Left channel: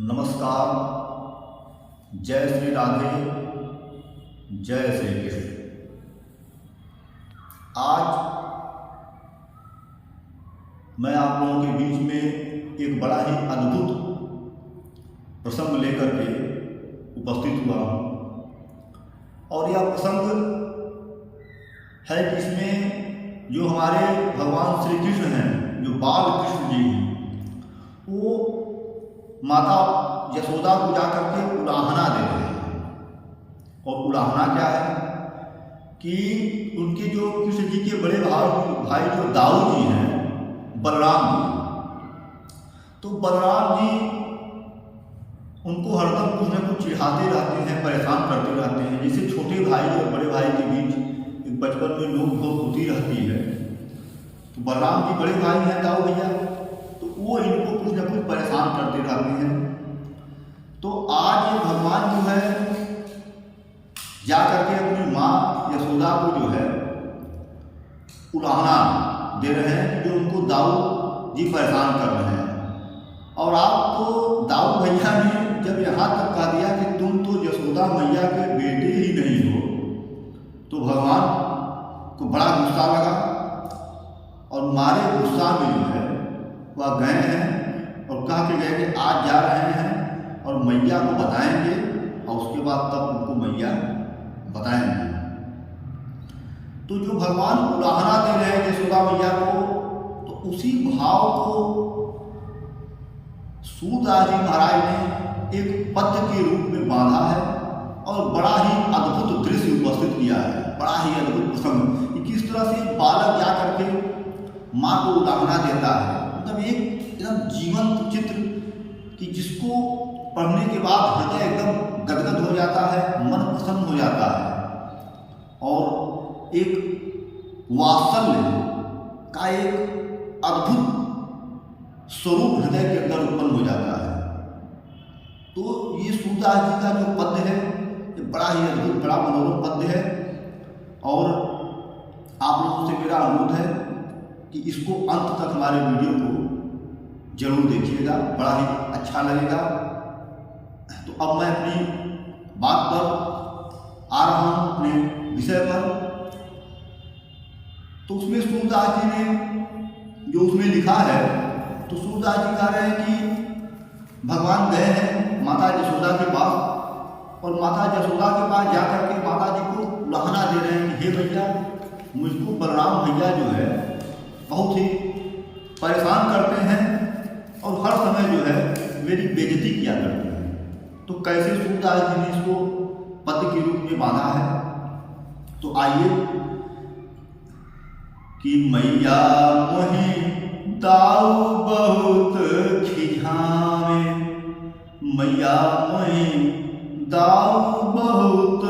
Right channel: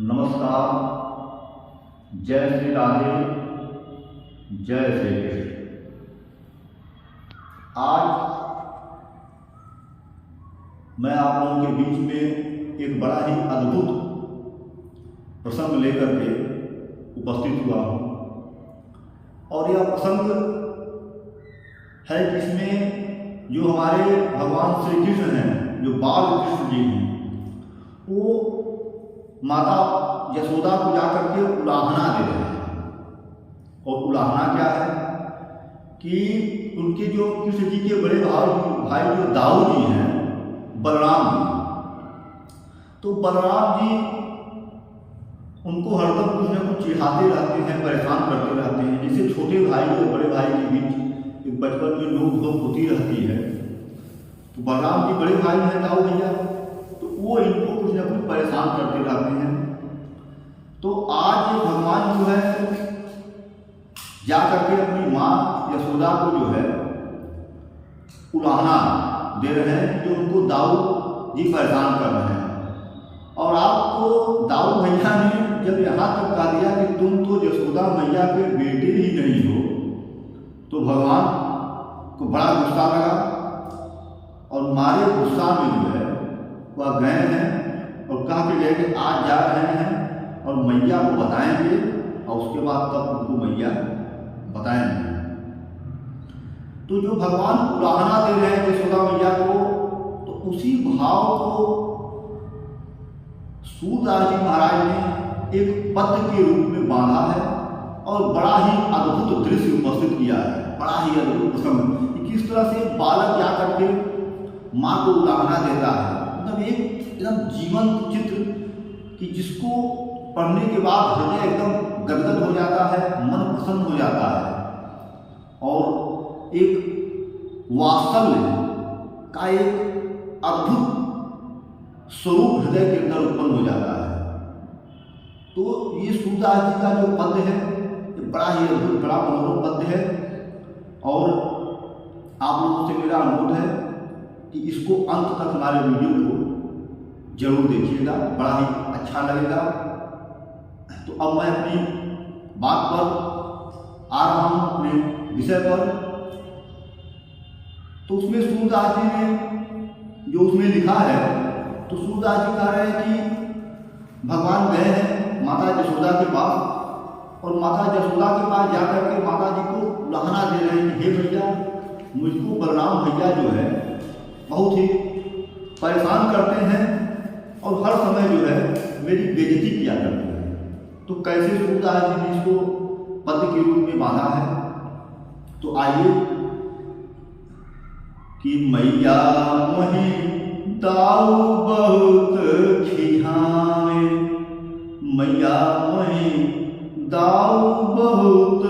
नमस्कार। जय श्री राधे, जय श्री कृष्ण। आज मैं आप लोगों के बीच में एक बड़ा ही अद्भुत प्रसंग लेकर के उपस्थित हुआ हूँ और यह प्रसंग है कि इसमें जो हमारे भगवान श्री कृष्ण हैं, जो बाल कृष्ण जी हैं, वो माता यशोदा को जाकर के उलाहना दे रहे हैं। और उलाहना क्या है कि उनके जो कृष्ण जी के बड़े भाई जो दाऊ जी हैं, बलराम जी, तो बलराम जी उनको हरदम कुछ न कुछ चिढ़ाते रहते हैं, परेशान करते रहते हैं। जैसे छोटे भाई और बड़े भाई के बीच एक बचपन में नोक झोंक होती रहती है, तो बलराम जी बड़े भाई हैं, दाऊ भैया, तो वो इनको कुछ न कुछ परेशान करते रहते हैं। तो आज भगवान जो है जा करके अपनी माँ यशोदा को जो है उलाहना दे रहे हैं, जो उनको दाऊ जी परेशान कर रहे हैं। और आपको दाऊ भैया ने जब यहाँ तक कह दिया कि तुम तो यशोदा मैया के बेटे ही नहीं हो, तो भगवान को बड़ा गुस्सा लगा और मारे गुस्सा में जो है वह गए हैं और कह के गए कि आज जा रहे हैं और मैया को बताएंगे और उसके बाद तब उनको मैया बताएंगे। तो जो भगवान उलाहना दे रहे हैं यशोदा मैया को, तो उसी भाव को सूरदास जी महाराज ने एक पद्य के रूप में बांधा है और बड़ा ही अद्भुत दृश्य उपस्थित किया है। बड़ा ही अद्भुत प्रसंग कि किस तरह से बालक जा करके माँ को उलाहना देता है। मतलब एक एकदम जीवंत चित्र कि जिसको पढ़ने के बाद हृदय एकदम गदगद हो जाता है, मन प्रसन्न हो जाता है और एक वात्सल्य का एक अद्भुत स्वरूप हृदय के अंदर उत्पन्न हो जाता है। तो ये सूरदास जी का जो पद्य है, ये बड़ा ही अद्भुत, बड़ा मनोरम पद्य है और आप लोगों से मेरा अनुरोध है कि इसको अंत तक हमारे वीडियो को जरूर देखिएगा, बड़ा ही अच्छा लगेगा। तो अब मैं अपनी बात पर आ रहा हूँ, अपने विषय पर। तो उसमें सूरदास जी ने जो उसमें लिखा है, तो सूरदास जी कह रहे हैं कि भगवान गए हैं माता यशोदा के पास और माता यशोदा के पास जाकर के माता जी को उलाहना दे रहे हैं कि हे भैया, मुझको बलराम भैया जो है बहुत ही परेशान करते हैं और हर समय जो है मेरी बेइज्जती किया करते हैं। तो कैसे सूरदास जी ने इसको पद्य के रूप में बांधा है, तो आइए कि मैया मोहि दाऊ बहुत खिझावे, मैया मोहि दाऊ बहुत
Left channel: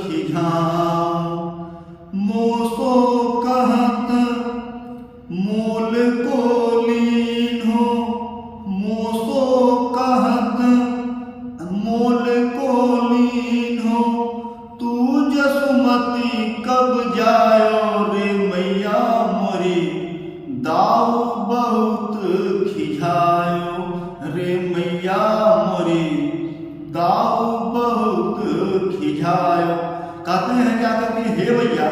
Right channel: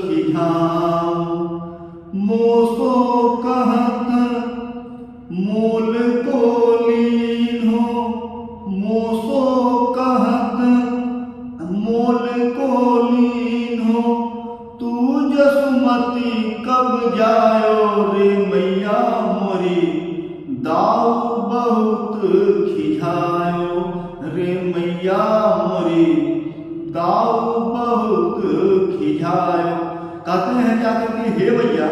खिझाओ, मोसो कहत मोल को लीन हो, मोसो कहत मोल को लीन हो, तू जसुमती कब जायो रे मैया मोरी, दाऊ बहुत खिझायो रे मैया मोरी, दाऊ बहुत खिझायो। कहते हैं क्या करते हैं, हे भैया,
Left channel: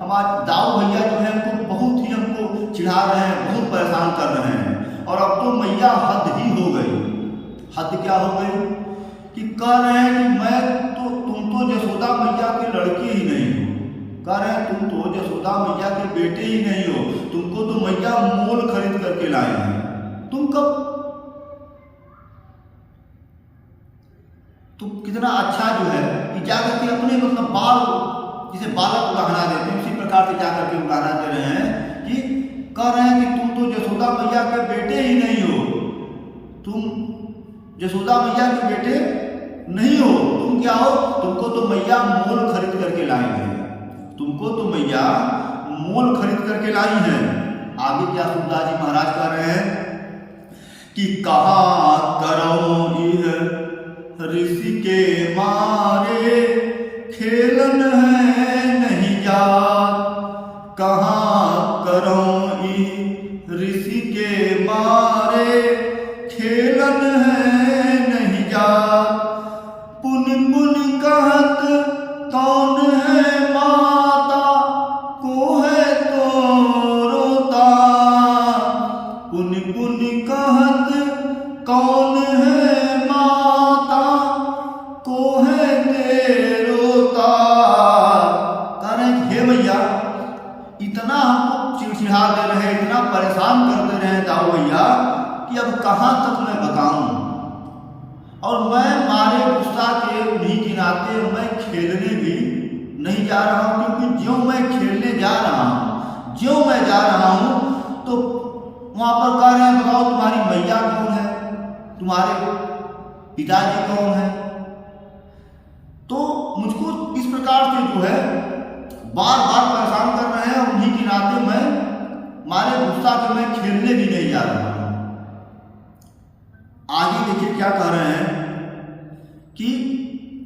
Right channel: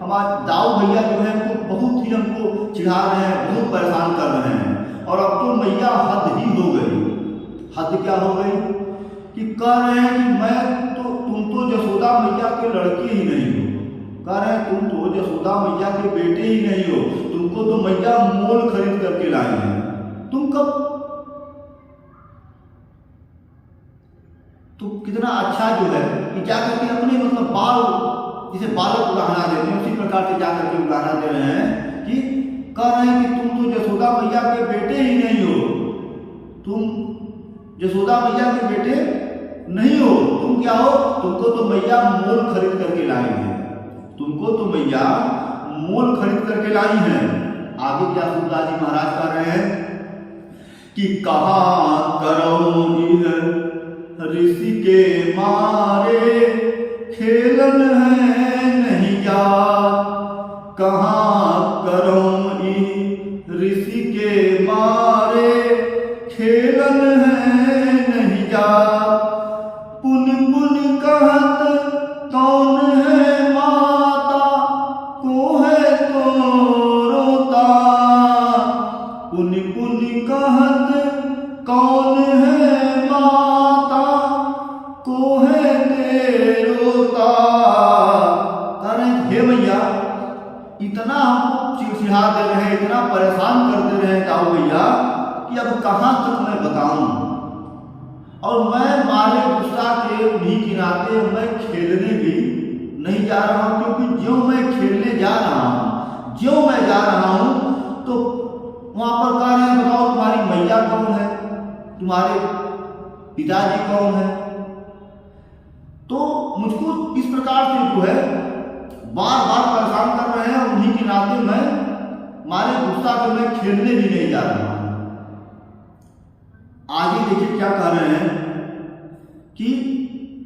हमारे दाऊ भैया जो है उनको बहुत ही हमको चिढ़ा रहे हैं, बहुत परेशान कर रहे हैं और अब तो मैया हद ही हो गई। हद क्या हो गई कि कह रहे हैं कि तुम तो यशोदा मैया के लड़के ही नहीं हो, कह रहे हैं तुम तो यशोदा मैया के बेटे ही नहीं हो, तुमको तो मैया मोल खरीद करके लाई है। तुम कितना अच्छा जो है कि जाकर के अपने मतलब बाल, जिसे बालक उलाहना देते हैं, उसी प्रकार से जाकर के उलाहना दे रहे हैं कि कह रहे हैं कि तुम तो यशोदा मैया के बेटे ही नहीं हो, तुम यशोदा मैया के बेटे नहीं हो, तुम क्या हो, तुमको तो मैया मोल खरीद करके लाई है, तुमको तो मैया मोल खरीद करके लाई है। आगे क्या सूरदास जी महाराज कह रहे हैं कि कहाँ करो यह ऋषि के मारे, खेलन है नहीं जात, कहाँ करो ऋषि के मारे, खेलन है नहीं पुनि पुनि कहत कौन है माता, को है तेरोता। कह रहे हैं हे मैया, इतना हमको चिड़चिड़ा दे रहे हैं, इतना परेशान कर दे रहे हैं दाऊ भैया कि अब कहाँ तक मैं बताऊं। और मैं मारे गुस्सा के उन्हीं के नाते मैं खेलने भी नहीं जा रहा हूँ, क्योंकि ज्यों मैं खेलने जा रहा हूँ, ज्यों मैं जा रहा हूँ, तो वहाँ पर कह रहे हैं बताओ तुम्हारी मैया कौन है, तुम्हारे पिताजी कौन है। तो मुझको इस प्रकार से जो है बार बार परेशान कर रहे हैं, उन्हीं के नाते मैं मारे गुस्सा के मैं खेलने भी नहीं जा रहा हूँ। आगे देखिए क्या कह रहे हैं कि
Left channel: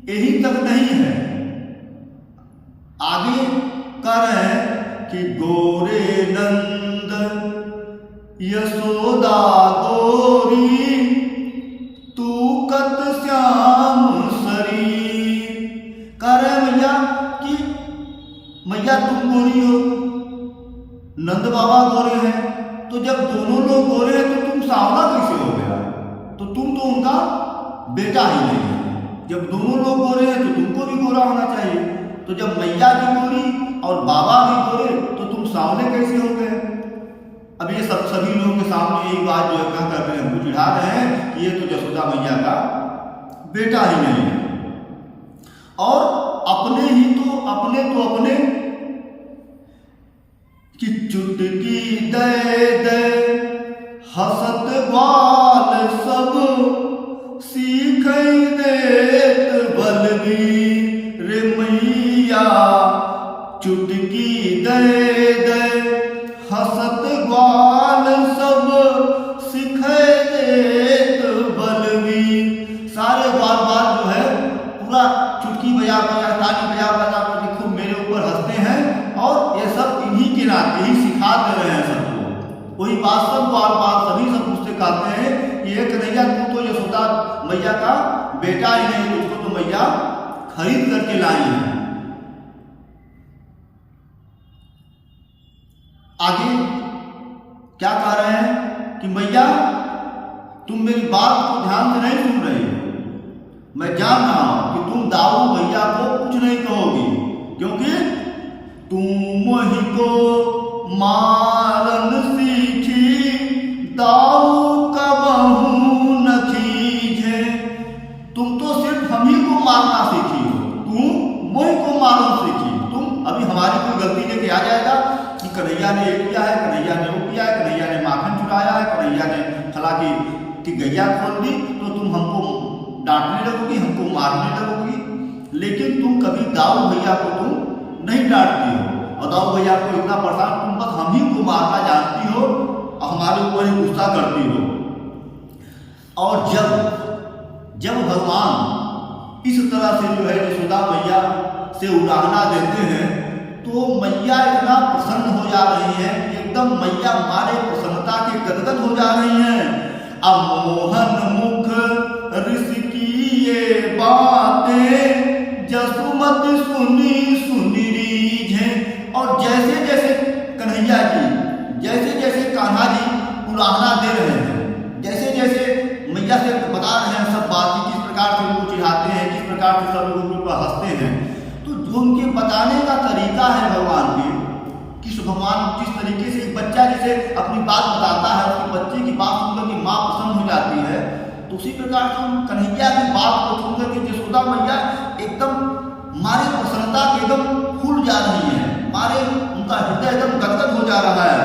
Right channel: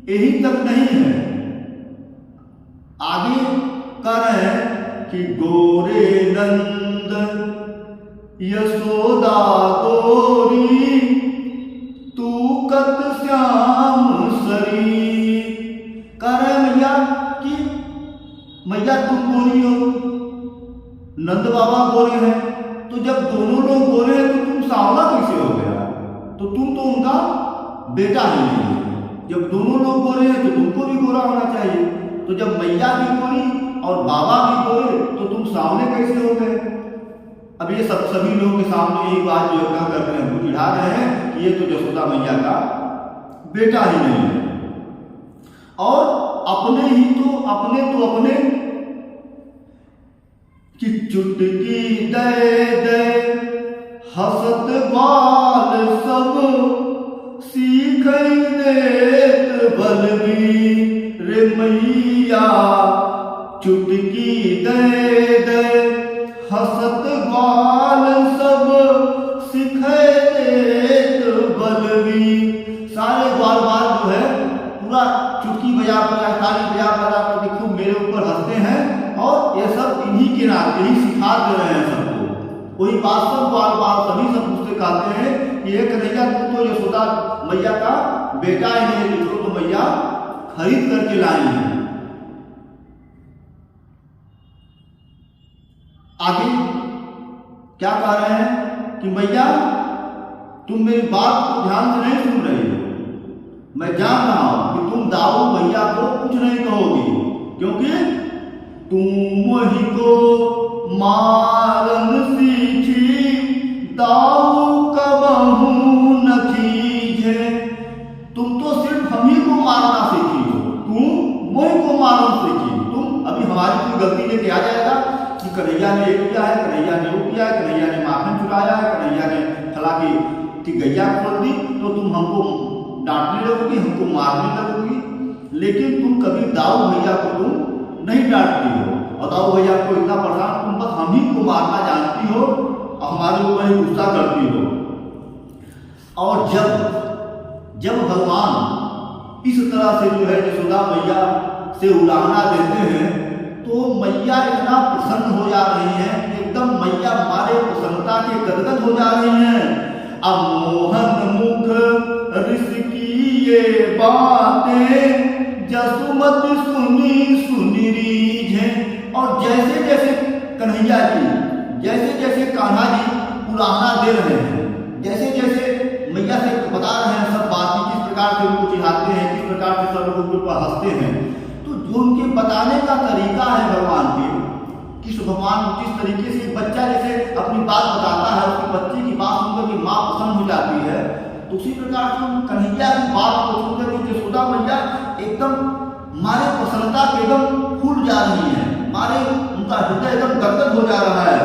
यही तक नहीं है, आगे कह रहे हैं कि गोरे नंद यशोदा गोरी, तू कत श्याम शरीर। कह रहे हैं मैया कि मैया तुम गोरी हो, नंद बाबा गोरे हैं, तो जब दोनों लोग गोरे हैं तो तुम सांवला कैसे हो गया, तो तुम तो उनका बेटा ही नहीं है। जब दोनों लोग गोरे हैं तो तुमको भी गोरा होना चाहिए, तो जब मैया भी गोरी और बाबा भी गोरे तो तुम सांवले कैसे हो गए। अब ये सभी लोगों के सामने यही बात जो है कह करके हमको चिढ़ा रहे हैं कि ये तो यशोदा मैया का बेटा ही नहीं है। और अपने अपने कि चुटकी दे दे हसत ग्वाल सब, सीख देत बलबीर रे मैया। चुटकी दे दे हसत ग्वाल सब, सीख देत बलबीर। सारे ग्वाल बाल जो है पूरा चुटकी बजा ताली बजा कर खूब मेरे ऊपर हंसते हैं, और ये सब इन्हीं के नाते ही सिखा दे रहे हैं सबको। वही बात सब ग्वाल बाल सभी सब मुझसे कहते हैं कि ये कन्हैया तू तो यशोदा मैया का बेटा ही नहीं, तुझको तो मैया खरीद करके लाई है। आगे क्या कह रहे हैं कि मैया तुम मेरी बात को ध्यान से नहीं सुन रही हो। मैं जान रहा हूं कि तुम दाऊ भैया को कुछ नहीं कहोगी, क्योंकि तुम ही को मारन सीखी, दाऊ कबहू न खींचे। तुम तो सिर्फ हम ही को मारना सीखी हो, तुम मोही को मारना सीखी। तुम अभी हमारी कोई गलती लेके आ जाएगा कि कन्हैया ने ये किया है, कन्हैया ने वो किया है, कन्हैया ने माखन चुराया है, कन्हैया ने फला की गैया खोल दी, तो तुम हमको डांटने लगोगी, हमको मारने लगोगी। लेकिन तुम कभी दाऊ भैया को तुम नहीं डांटती हो, और दाऊ भैया को इतना परेशान, तुम बस हम ही को मारना जानती हो और हमारे ऊपर ही गुस्सा करती हो। और जब भगवान इस तरह से जो है यशोदा मैया से उलाहना देते हैं, तो मैया इतना प्रसन्न हो जा रही हैं कि एकदम मैया मारे प्रसन्नता के गदगद हो जा रही हैं। अमोहन मुख ऋषि की ये बातें, जसुमत सुनी सुनी रीझें। और जैसे जैसे कन्हैया जी, जैसे जैसे कान्हा जी उलाहना दे रहे हैं, जैसे जैसे मैया से बता रहे हैं सब बात, किस प्रकार से उनको चिढ़ाते हैं, किस प्रकार से सब लोगों के ऊपर हंसते हैं, तो जो उनके बताने का तरीका है भगवान के, किस भगवान जिस तरीके से एक बच्चा जैसे अपनी बात बताता है, उसके बच्चे की बात सुनकर के माँ प्रसन्न हो जाती है, तो उसी प्रकार से कन्हैया की बात को सुनकर के यशोदा मैया एकदम मारे प्रसन्नता के एकदम फूल जा रही है, मारे उनका हृदय एकदम गदगद हो जा रहा है।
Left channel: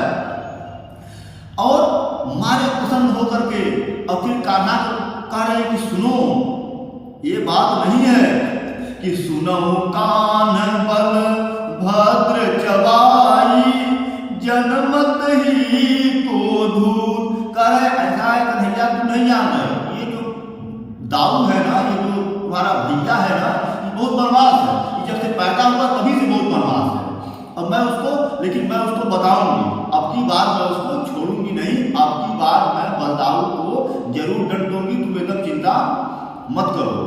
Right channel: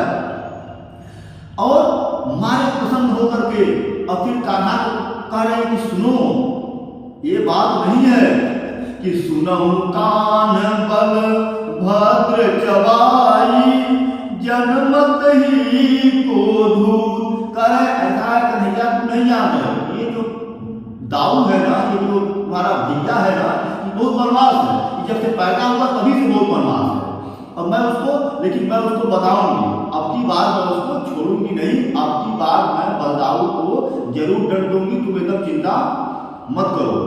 और मारे प्रसन्न होकर के और फिर कान्हा को कह रहे हैं कि सुनो, ये बात नहीं है कि सुनहु कान बल भद्र चबाई, जनमत ही को धूत। कह रहे ऐसा है कन्हैया तुम नहीं जान रहे, ये जो दाऊ है ना, ये जो तुम्हारा भैया है ना, ये बहुत बदमाश है, ये जब से पैदा हुआ तभी से बहुत बदमाश है। और मैं उसको बताऊंगी, अब की बार मैं उसको छोड़ूंगी नहीं, अब की बार मैं बलदाऊ को जरूर दंड दूंगी, तुम एकदम चिंता मत करो।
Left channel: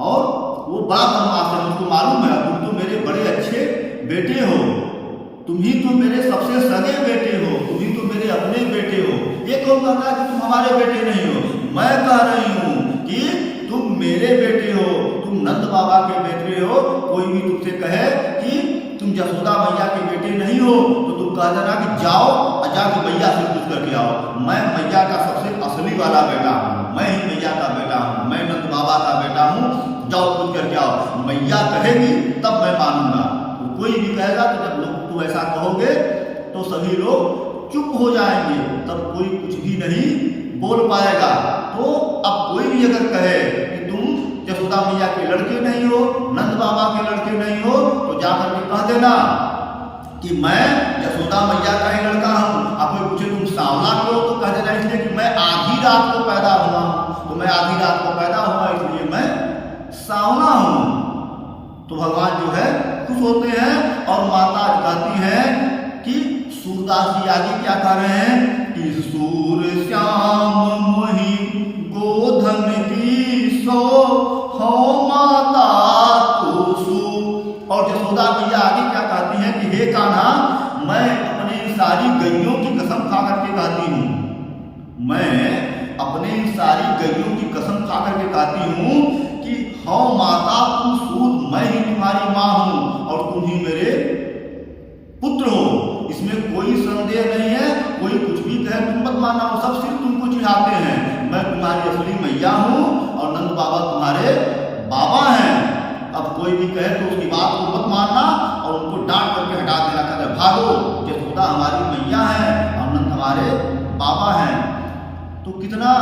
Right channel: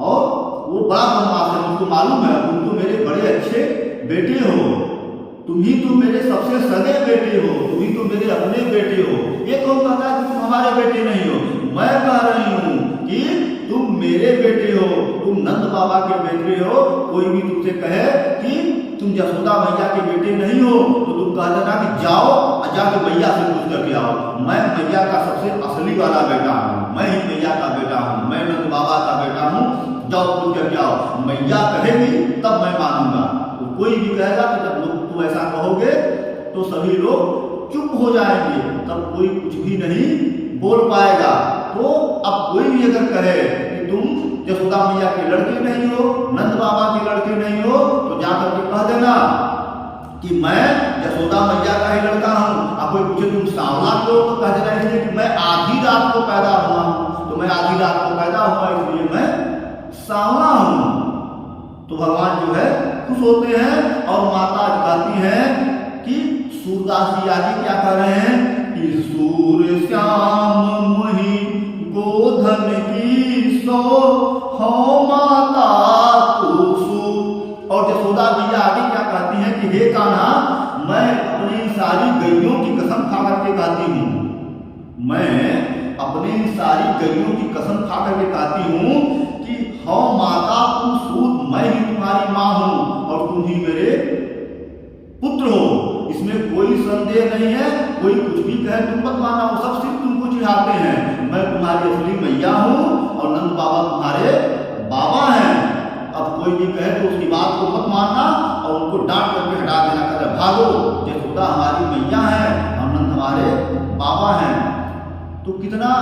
और वो बड़ा बदमाश है, मुझको मालूम है, तुम तो मेरे बड़े अच्छे बेटे हो, तुम ही तो मेरे सबसे सगे बेटे हो, तुम ही तो मेरे अपने बेटे हो। ये कौन कहता है कि तुम हमारे बेटे नहीं हो? मैं कह रही हूँ कि तुम मेरे बेटे हो, तुम नंद बाबा के बेटे हो। कोई भी तुमसे कहे कि तुम जसोदा मैया के बेटे नहीं हो तो तुम कह देना कि जाओ और जाके मैया से पूछ करके आओ। मैं मैया का सबसे असली वाला बेटा हूँ, मैं ही मैया का बेटा हूँ, मैं नंद बाबा का बेटा हूँ, जाओ पूछ करके आओ। मैया कहेगी तब मैं मानूंगा। तो कोई भी कहेगा तो जब लोग तुम ऐसा कहोगे तो सभी लोग चुप हो जाएंगे, तब कोई कुछ भी नहीं बोल पाएगा। तो अब कोई भी अगर कहे कि तुम जसोदा मैया के लड़के नहीं हो, नंद बाबा के लड़के नहीं हो, तो जाकर के कह देना कि मैं जसोदा मैया का ही लड़का हूँ। अब कोई पूछे तुम सांवला क्यों, तो कह देना इसलिए कि मैं आधी रात को पैदा हुआ हूँ, तो मैं आधी रात को पैदा हुआ इसलिए मैं सांवला हूँ। तो भगवान जो है खुश होते हैं और माता कहती है कि सूरदास जी आगे क्या कह रहे हैं कि सूर श्याम मोहि गोधन की सो हो माता तू सु। और जसोदा मैया आगे क्या कहती हैं कि हे कान्हा, मैं अपनी सारी गैयों की कसम खा करके कहती हूँ, मैं अपनी सारी गैयों की कसम खा करके कहती हूँ कि हो माता तुम सूत, मैं ही तुम्हारी माँ हूँ और तुम ही मेरे पुत्र हो। इसमें कोई संदेह नहीं है। कोई कुछ भी कहे तुम मत मानना, वो सब सिर्फ तुमको चिढ़ाते हैं। मैं तुम्हारी असली मैया हूँ और नंद बाबा तुम्हारे बाबा हैं। अब कोई भी कहे तो उसकी बात को मत मानना और उनको डांट करके हटा देना, कहते भागो, जसोदा हमारी मैया है और नंद हमारे बाबा हैं। तो कितना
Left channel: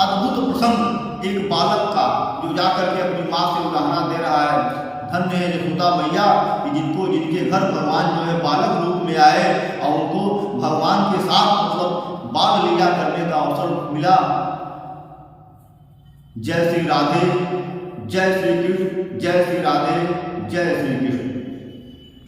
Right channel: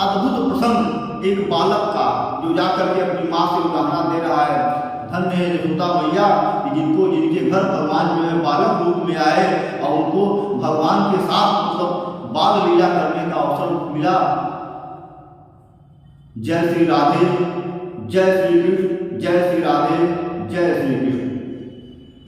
अद्भुत प्रसंग एक बालक का जो जाकर के अपनी माँ से उदाहरणा दे रहा है। धन्य है जसोदा मैया कि जिनके घर भगवान जो है बालक रूप में आए और उनको भगवान के साथ मतलब बाल लीला करने का अवसर मिला। जय श्री राधे, जय श्री कृष्ण, जय श्री राधे, जय श्री कृष्ण।